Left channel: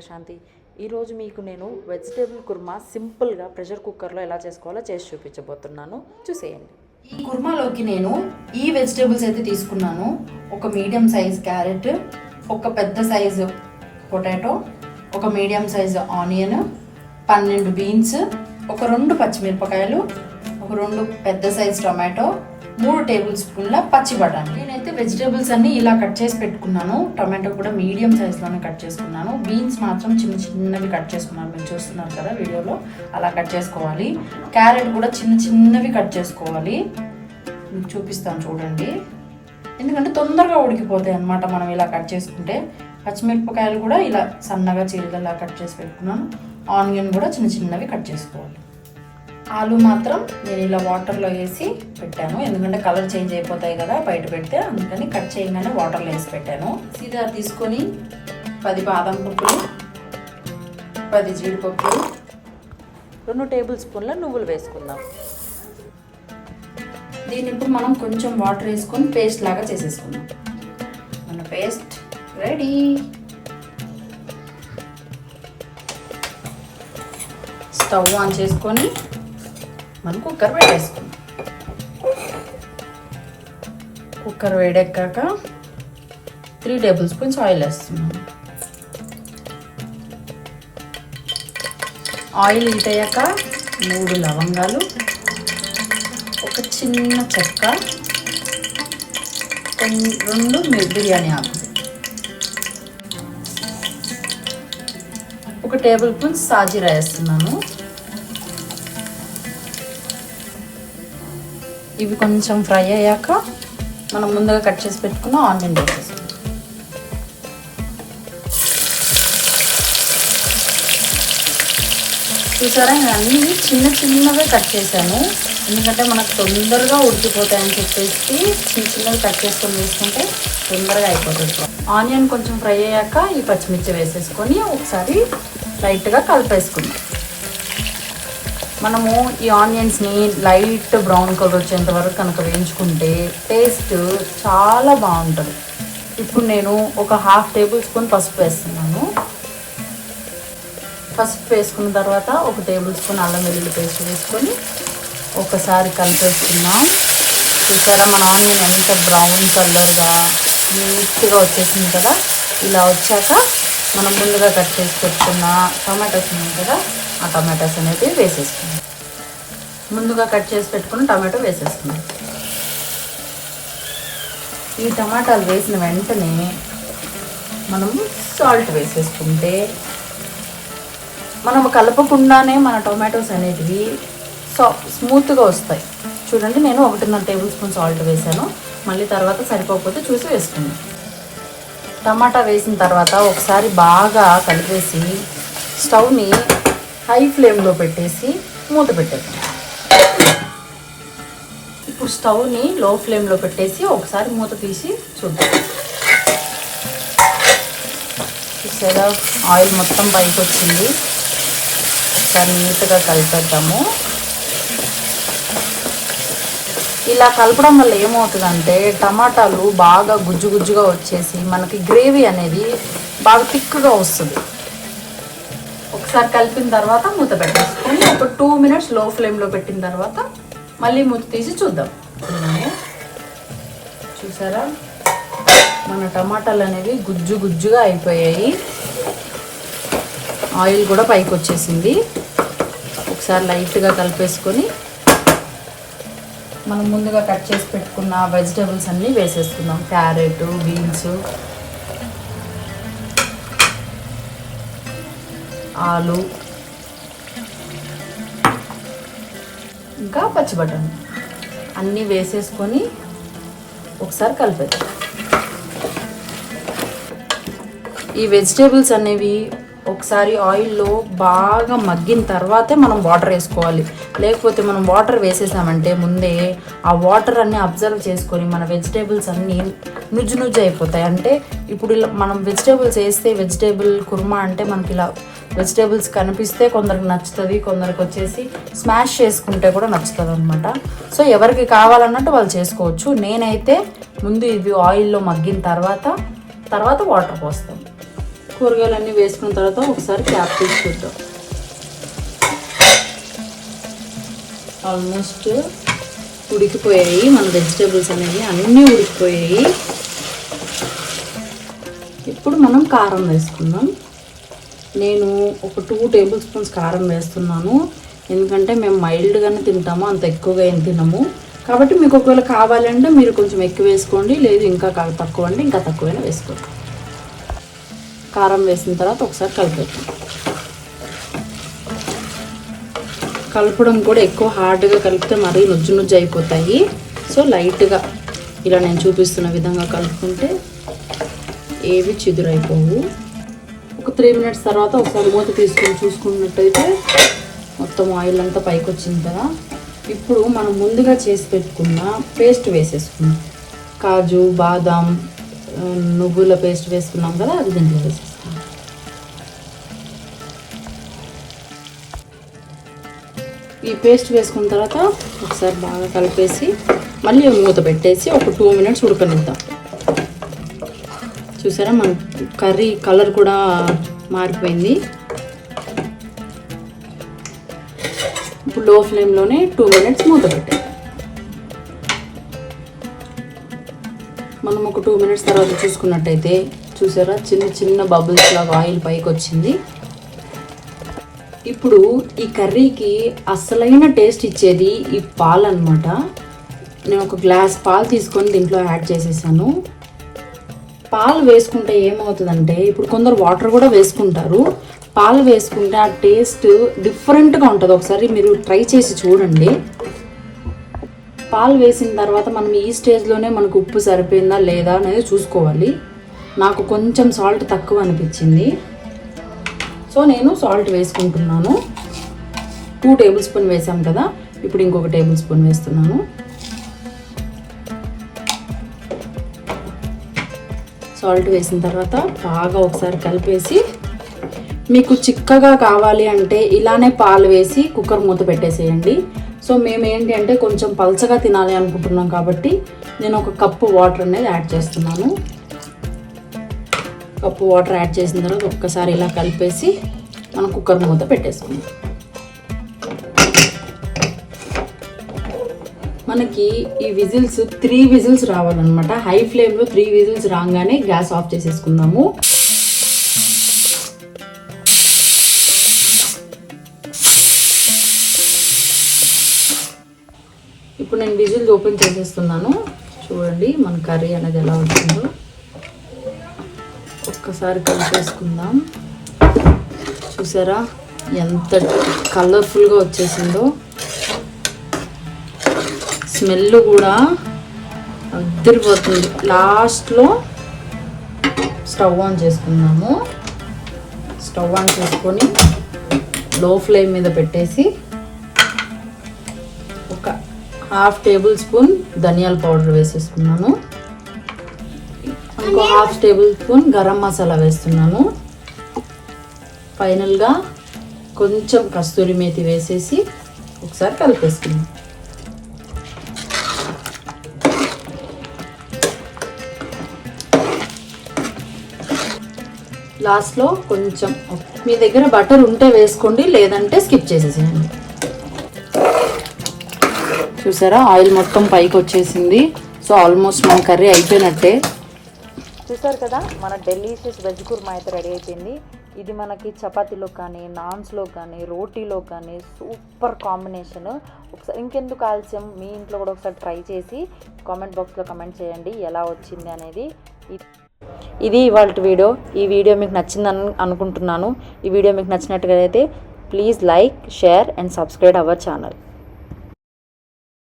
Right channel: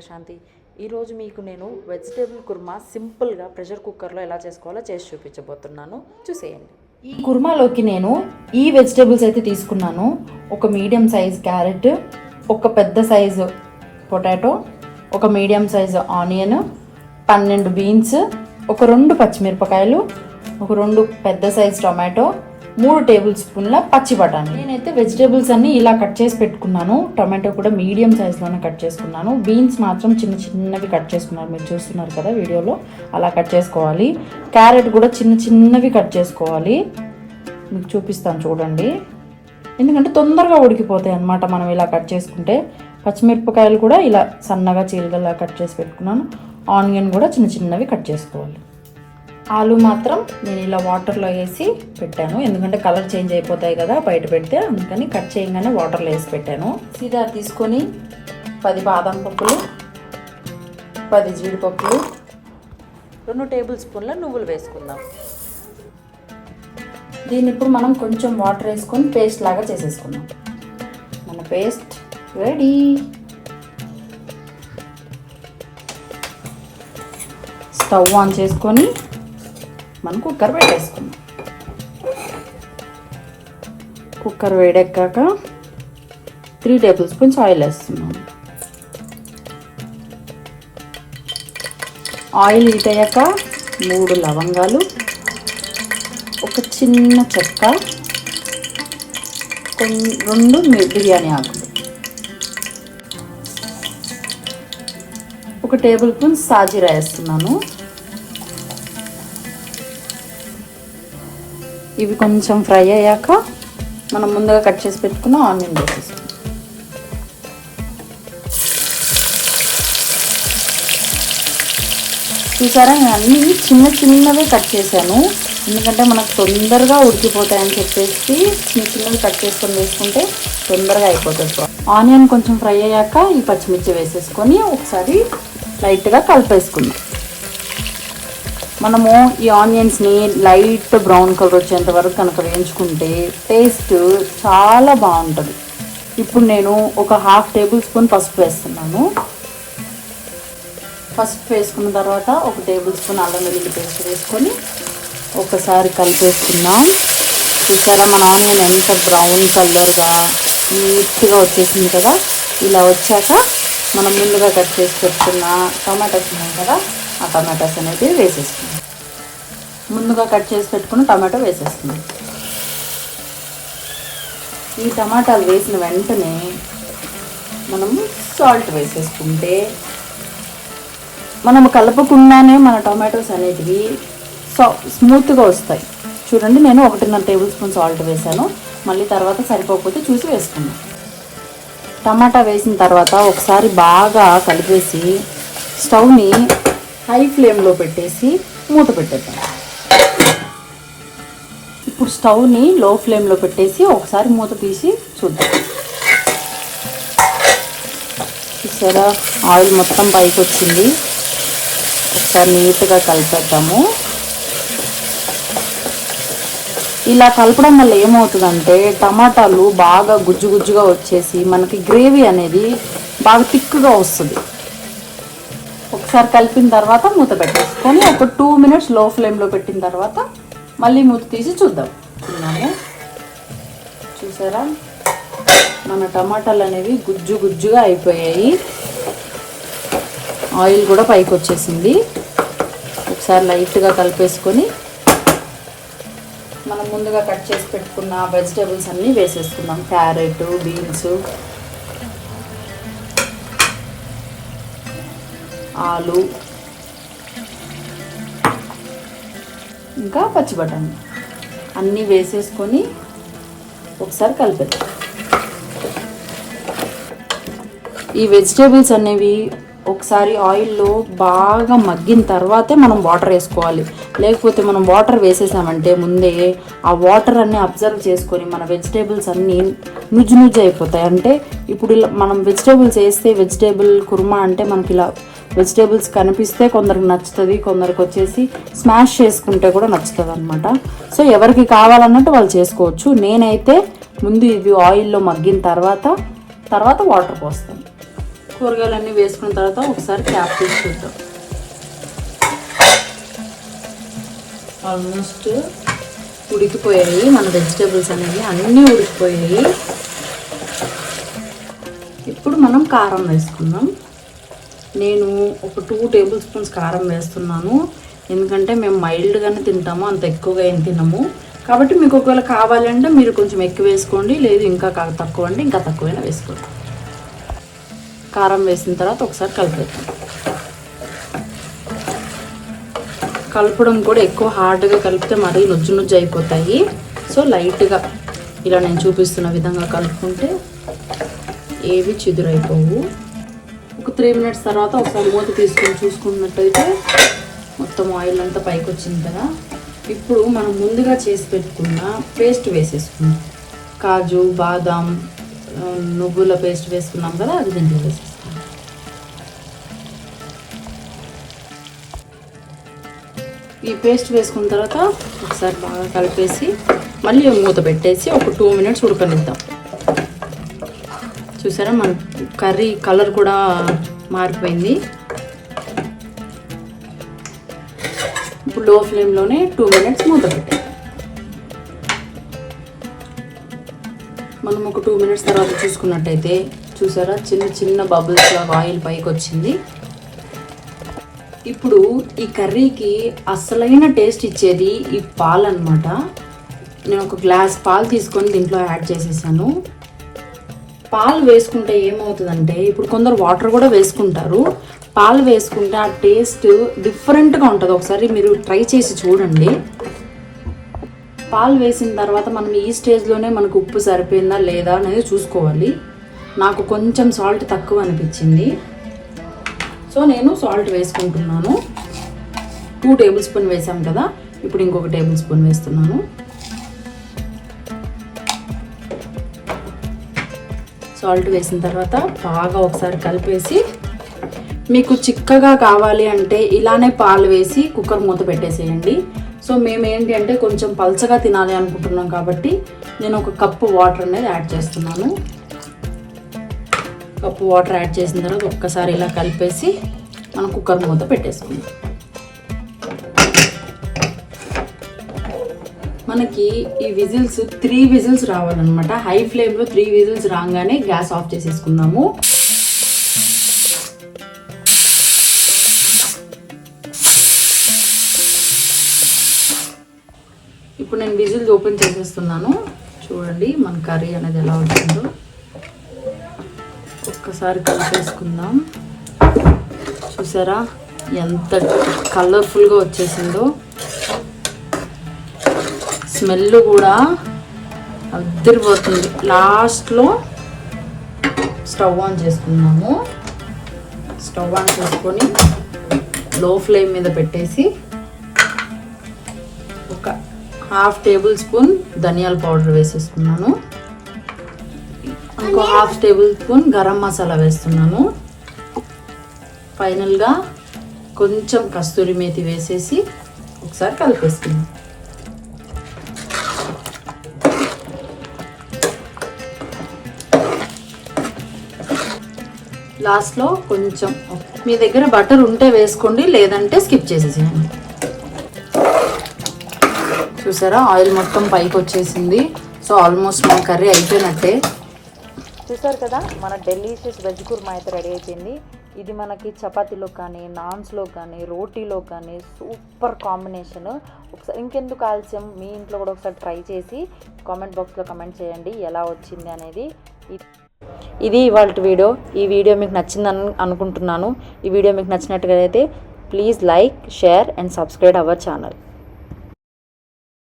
ప్రశాంతి. ఈరోజు మీకు నేను వెజిటేబుల్ కుర్మా సింపుల్గా ప్రెషర్ కుక్కర్లో ఎలా చేసుకోవాలో చేసి చూపించబోతున్నాను, చూసేయండి. ఈ కుర్మాలోకి నేను ఈ వెజిటేబుల్స్ అయితే తీసుకున్నాను. ఒక మీడియం సైజ్ క్యారెట్, ఒక పెద్ద సైజు పొటాటో, ఒక మీడియం సైజు ఆనియన్, 12 బీన్స్, ఒక 2 పచ్చిమిరపకాయలు, ఒక 2 పెద్ద సైజ్ టొమాటో, 3 టేబుల్ స్పూన్ల పచ్చి బఠానీ. నేనైతే వెజిటేబుల్స్ అన్ని ఇలా కట్ చేసి పెట్టుకున్నాను. టొమాటో కూడా మీడియం సైజ్లోనే కట్ చేసుకున్నాను. బీన్స్ మాత్రం చిన్న చిన్నవి కట్ చేసుకున్నాను, మీరు చూస్తున్నారు కదా వీడియోలో, అలా కట్ చేసుకోవాలి. క్యారెట్ కూడా చిన్న చిన్నవి కట్ చేసుకోవాలి, మీకు చూపిస్తాను చూడండి, ఎందుకంటే తొందరగా ఉడికిపోతాయి అన్నమాట మనం ఇలా కట్ చేసుకుంటే. పచ్చిమిరపకాయలు కూడా ఇలా సన్నగా చీరలా కట్ చేసి పెట్టుకున్నాను. ఆనియన్ కూడా చిన్న చిన్నవి కట్ చేసుకోవాలి. ఆలు మాత్రం నేను ఇలా వాటర్లో వేసి పెట్టాను, ఎందుకంటే కలర్ చేంజ్ అయిపోతాయి కదా బయట పెడితే, అందుకని కట్ చేయగానే వాటర్లో వేసి పెట్టాను. సీదా తీసుకొని 10 బాదం పప్పులు, 10 జీడిపప్పులు, 2 టేబుల్ స్పూన్ల నువ్వులు వేసుకుందాం. దీన్ని ఇప్పుడు మనం కొంచెం వాటర్ వేసుకొని పేస్ట్ లాగా చేసేసుకుందాం. మన పేస్ట్ రెడీ. స్టవ్ ఆన్ చేసుకొని మనం కుక్కర్ వేడేసుకుందాం. కుక్కర్ వేడెక్కాక 3 టేబుల్ స్పూన్స్ ఆయిల్ వేస్తున్నాం. ఆయిల్ హీట్ అయ్యాక 3 లవంగాలు, ఒక చిన్న చెక్క, 2 బిర్యానీ ఆకులు, 1 టేబుల్ స్పూన్ సాజీరా వేస్తున్నాను. ఇవి కొంచెం ఫ్రై అయ్యాక మనం ముందుగా కట్ చేసి పెట్టుకున్న ఆనియన్ వేసేస్తాం. చూసారా, నేను అన్ని చిన్న చిన్నగా కట్ చేశాను, ఎందుకంటే మనకు తొందరగా ఉడికిపోతాయని చెప్పేసి చిన్న చిన్నగా కట్ చేసుకొని వేసుకుంటే తొందరగా అయిపోతుంది. ఆనియన్ కొంచెం ఫ్రై అయ్యాక ఈ పచ్చిమిర్చి వేసేసుకొని ఒకసారి లైట్గా కలిపేసుకుందాం. మనము ఈ ఆనియన్స్ని లైట్ బ్రౌన్ కలర్ వచ్చేంత వరకు కనుక వేయించుకుంటే టేస్ట్ చాలా బాగుంటుంది. ఇప్పుడు నేను ఒక 1/2 టేబుల్ స్పూన్ పసుపు వేస్తున్నాను. పసుపు వేసుకున్న తర్వాత 1 టేబుల్ స్పూన్ అల్లం వెల్లుల్లి పేస్ట్ వేసుకొని ఒకసారి కలిపేసుకుందాం. చూసారా మన ఆనియన్ ఎంత బ్రౌన్ కలర్గా నీట్గా వచ్చేసింది కదా. ఇలా వచ్చాక మనం ముందుగా కట్ చేసి పెట్టుకున్న టమాటాస్ ఉన్నాయి కదా, ఆ టమాటాస్ అనేవి వేసేసుకుందాం. ముందుగా కట్ చేసి పెట్టుకున్న టమాటో వేసేసుకుందాం. ఈ టమాటాలు వేసిన వెంటనే మనం సాల్ట్ వేసేసుకుంటే మనం కలపకుండానే మన టొమాటోస్ అనేటివి స్మూత్గా వస్తాయి. చూడండి, నేను 1.5 టేబుల్ స్పూన్ సాల్ట్ వేసాను, మళ్ళీ తర్వాత సరిపోకపోతే చూసి వేసుకున్నాను. టమాటా వేసిన తర్వాత ఒకసారి బాగా కలిపేసి స్టవ్ని హై ఫ్లేమ్లో పెట్టేసి మూత పెట్టేద్దాం. ఇప్పుడు స్టవ్ని లో ఫ్లేమ్లో పెట్టేసి ఒకసారి మూత తీసి చూద్దాం. చూసారా, ఆయిల్ మొత్తం పైకి వచ్చింది. ఒకసారి నీట్గా కలిపేద్దాము. ఇలా కలపడం వల్ల ఏమవుతుందంటే టమాటాలు బాగా గుజ్జు గుజ్జుగా వచ్చేసి మనకి గ్రేవీ అనేది బాగా థిక్గా వస్తుంది. ఒకసారి కలిపిన తర్వాత మూత పెట్టేసుకొని ఒక 2 మినిట్స్ లో ఫ్లేమ్లో పెట్టిన తర్వాత మళ్ళీ మూత తీసి చూద్దాం. చూసారా, మన టమాటాలు అనేవి గుజ్జు గుజ్జుగా అయిపోయాయి, ఆయిల్ కూడా పైకి వచ్చేసింది. ఒకసారి లైట్గా కలిపేసుకొని మనం ముందుగా కట్ చేసి పెట్టుకున్న వెజిటేబుల్స్ అన్నీ వేసేసుకున్నాం. క్యారెట్, బీన్స్, ఆలు, ఇంకా పచ్చి బఠానీ అన్నీ వేసేసుకొని ఒకసారి కలిపేద్దాం. ఈ వెజిటేబుల్స్ అనేవి ఒకసారి ఆయిల్లో బాగా మగ్గిన తర్వాతే మనం వాటర్ వేసుకోవాలి, లేకపోతే మనం వాటర్ వేసేసామంటే ముందే ఆ వాటర్ అన్నీ అబ్జర్వ్ చేసుకొని మన వెజిటేబుల్స్ అన్నీ నుజ్జు నుజ్జు అయిపోతాయి. అంటే ఇప్పుడు మనం వెజిటేబుల్స్ వేస్తే వెజిటేబుల్ కుర్మా అంటే మనకి ఇలా వెజిటేబుల్స్ కనిపిస్తే కొందరికి నచ్చుతుంది, కొందరికి వచ్చేసి స్మాష్ చేసుకుంటే కూడా నచ్చుతుంది అనమాట. సో ఎవరికి కావాలన్నట్టు వాళ్ళు చేసుకోవచ్చు. నేనైతే ముందు ఇది ఆయిల్లో మగ్గిన తర్వాత వాటర్ పోస్తాను. కూరగాయలన్నీ వేసుకున్న తర్వాత ఒకసారి క్యాప్ తీసి చూద్దాం. ఆల్మోస్ట్ ఉడికిపోయాయి మన వెజిటేబుల్స్ అనేవి, అన్నీ ఉడికిపోయాయి. ఇప్పుడు మనం కారం వేసుకుందాం. నేను ఒక 2 టేబుల్ స్పూన్స్ కారం వేస్తున్నాను, ఎందుకంటే మేము మైల్డ్గానే తింటాము, అంత ఎక్కువగా ఏం తినము. కాబట్టి మీకు ఒకవేళ కావాలంటే మీరు కొంచెం ఎక్కువ వేసుకోండి, లేదు ఇంకా తక్కువ అంటే ఇంకా తక్కువైనా వేసుకోండి. కారం వేసిన తర్వాత ఒకసారి కలపడం కూడా ఎక్కువ హార్డ్గా కలిపితే మరీ నుజ్జు అయిపోతాయి. సో లైట్గా ఇలా నేను చూపిస్తున్న విధంగా కలుపుకుంటే ఏవి చిదురైపోవు. ఒక 3 మినిట్స్ తర్వాత ఒకసారి మూత తీసుకొని చూసుకున్నట్టయితే మొత్తం ఆయిల్ అంతా పైకి వచ్చింది కదా. ఇప్పుడు మనం ముందుగా చేసి పెట్టుకున్న పేస్ట్ వేసేసుకున్నాం. కాజు, బాదాం, నువ్వుల పేస్ట్ వేసుకున్నాం కదా, అది దీంట్లో వేసేస్తాం. ఈ పేస్ట్ వేసుకున్న తర్వాత ఒకసారి బాగా కలిపేసి మళ్ళీ మూత పెట్టేసి ఒక 2 మినిట్స్ ఉడకనిద్దాం. చూసారా మన కర్రీ కలర్ కూడా మారిపోయింది. ఇప్పుడు లో ఫ్లేమ్లోనే 2 మినిట్స్ మూత పెట్టాం. మనం ఒక 2 మినిట్స్ తర్వాత చూసుకున్నట్టయితే చూసారా చిన్న చిన్న బబుల్స్ లాగా ఆయిల్ పైకి వచ్చింది. ఇప్పుడు ఈ కర్రీకి అసలైన టేస్ట్ ఇచ్చేది ఈ పాలు అన్నమాట. నేను ఒక గ్లాస్ పాలు తీసుకొని దీంట్లో యాడ్ చేసేసాను. పాలు వేసుకుంటే ఏమవుతుందంటే, ఇప్పుడు కొందరు వాటర్ కూడా వేసుకుంటారు, పాలు వేసుకుంటే ఆ టేస్ట్ డిఫరెంట్గా ఉంటుంది. ఒకసారి మీరు ట్రై చేసి చూడండి. పాలు వేసిన తర్వాత మనం ఈ స్టేజ్లోనే మనకు ఉప్పు సరిపోయిందా లేదా అనేది చూసుకోవాలి. నాకు కొంచెం సాల్ట్ తక్కువ అనిపించింది, సో నేను సాల్ట్ వేసుకుంటున్నాను. 2 టేబుల్ స్పూన్ వేసాం కదా, ఇప్పుడు ఇంకొక టేబుల్ స్పూన్ వేస్తున్నాను. సాల్ట్ వేసిన తర్వాత బాగా ఒకసారి కలిపేసి, మీకు చిక్కగా కావాలి అంటే ఇలానే పాలు వేసి కుక్కర్ మూత పెట్టేసేయండి. సో మేము ఏంటి అంటే కొంచెం పల్చగా తినాలి అనుకుంటున్నాం కాబట్టి నేను ఒక కప్పు వాటర్ అనేది యాడ్ చేస్తున్నాను. కప్పు వాటర్ యాడ్ చేసిన తర్వాత ఒక్కసారి ఇలా కలిపేసి మనం కుక్కర్ మూత పెట్టేసుకుందాం. మనకి ఈ విజిల్స్ 3 విజిల్స్ రావాలన్నమాట. హై ఫ్లేమ్లో 3 విజిల్స్ రాగానే గ్యాస్ ఆఫ్ చేసేసుకుందాము. ఇప్పుడు నేను విజిల్స్ ఓపెన్ చేసేస్తున్నాను. చూడండి మన కర్రీ అనేది ఎలా ఉంటుందో ఒక్కసారి కలిపేసుకుందాం. చూసారా ఎంత కలర్ఫుల్గా వచ్చేసిందో, స్మెల్ కూడా అద్దరిపోతుంది. లాస్ట్లో స్టవ్ ఆన్ చేసుకున్నాము. స్టవ్ ఆన్ చేసుకొని లో ఫ్లేమ్ మీద పెట్టేసి ఒక 1/2 టేబుల్ స్పూన్ ధనియాల పౌడర్ వేసేస్తున్నాను. 1/2 టేబుల్ స్పూన్ గరం మసాలా వేస్తున్నాను. ఫైనల్గా కొంచెం కస్తూరి మేతి వేసేసి ఒకసారి కలిపేస్తున్నాను. లాస్ట్లో కొంచెం మీ దగ్గర బటర్ ఉంటే వేసుకోండి, లేదంటే స్కిప్ చేసేసేయండి. చూసారా ఆయిల్ మొత్తం పైకి వచ్చేసింది. సో ఆల్మోస్ట్ మన కర్రీ అయిపోయినట్టే. చూసారు కదా మన డెలీషియస్ వెజ్ కుర్మా అయితే రెడీ అయిపోయింది. ఇది మనకి చపాతీలో కానీ, నాన్స్లో కానీ, రోటీలో కానీ సూపర్ కాంబినేషన్. ఒకసారి ఇంకెందుకు ఆలస్యం, మీ ఇంట్లో కూడా ఒకసారి ట్రై చేసి కామెంట్ బాక్స్లో కమెంట్ చేయండి ఎలా వచ్చింది అనేది. ఇది ఇవాళ వీడియో. ఈ వీడియో మీకు నచ్చిందని అనుకుంటున్నాను. ఈ వీడియో మీకు నచ్చినట్టుగా అయితే please like, share and subscribe our channel.